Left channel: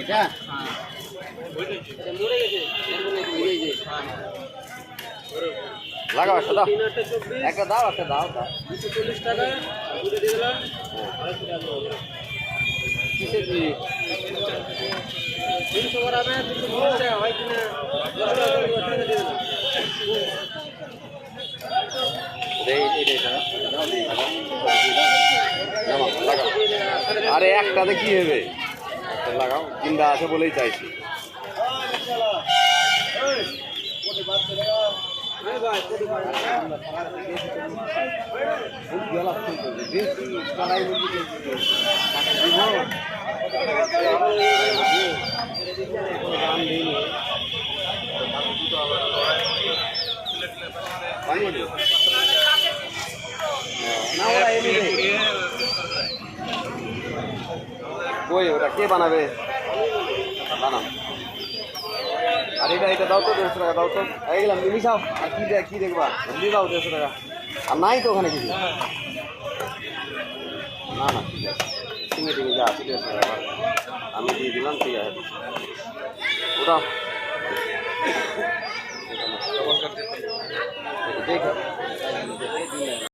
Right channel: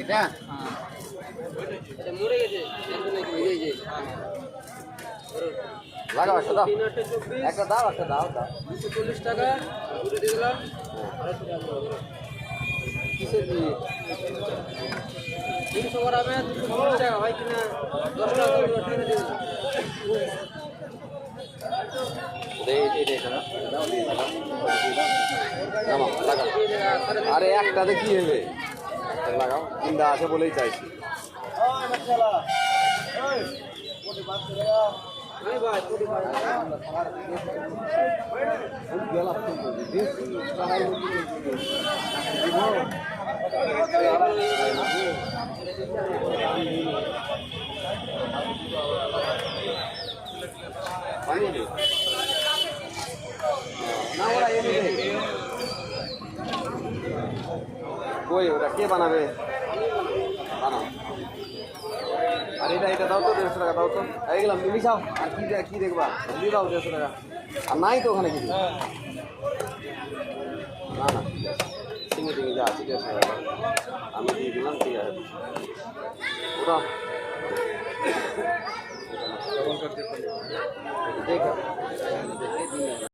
এটা মরে গেছে লাগাও একটা দাও একটা দাও 240 টাকা দুটো দিয়ে দিলাম 250 টাকা কিসের দিয়ে 300 গ্রামে 240 টাকা হয় কিনা 10 টাকা দিয়ে দিলাম আরে একটাতে কি হবে লাগাও তিনটা আছে বলেই চাইছি কই ওটা কে বানাবে বানাও আর এটা দাও তো 150 টাকা দাও তো এইগুলো মিশাও আর কি দেখবা দিয়ে দাও 150 টাকা আর নাই তো ওখানে কিছু না না ঠিক আছে যা ঠিক আছে আমি দিয়ে দিলাম ঠিক আছে ওটাও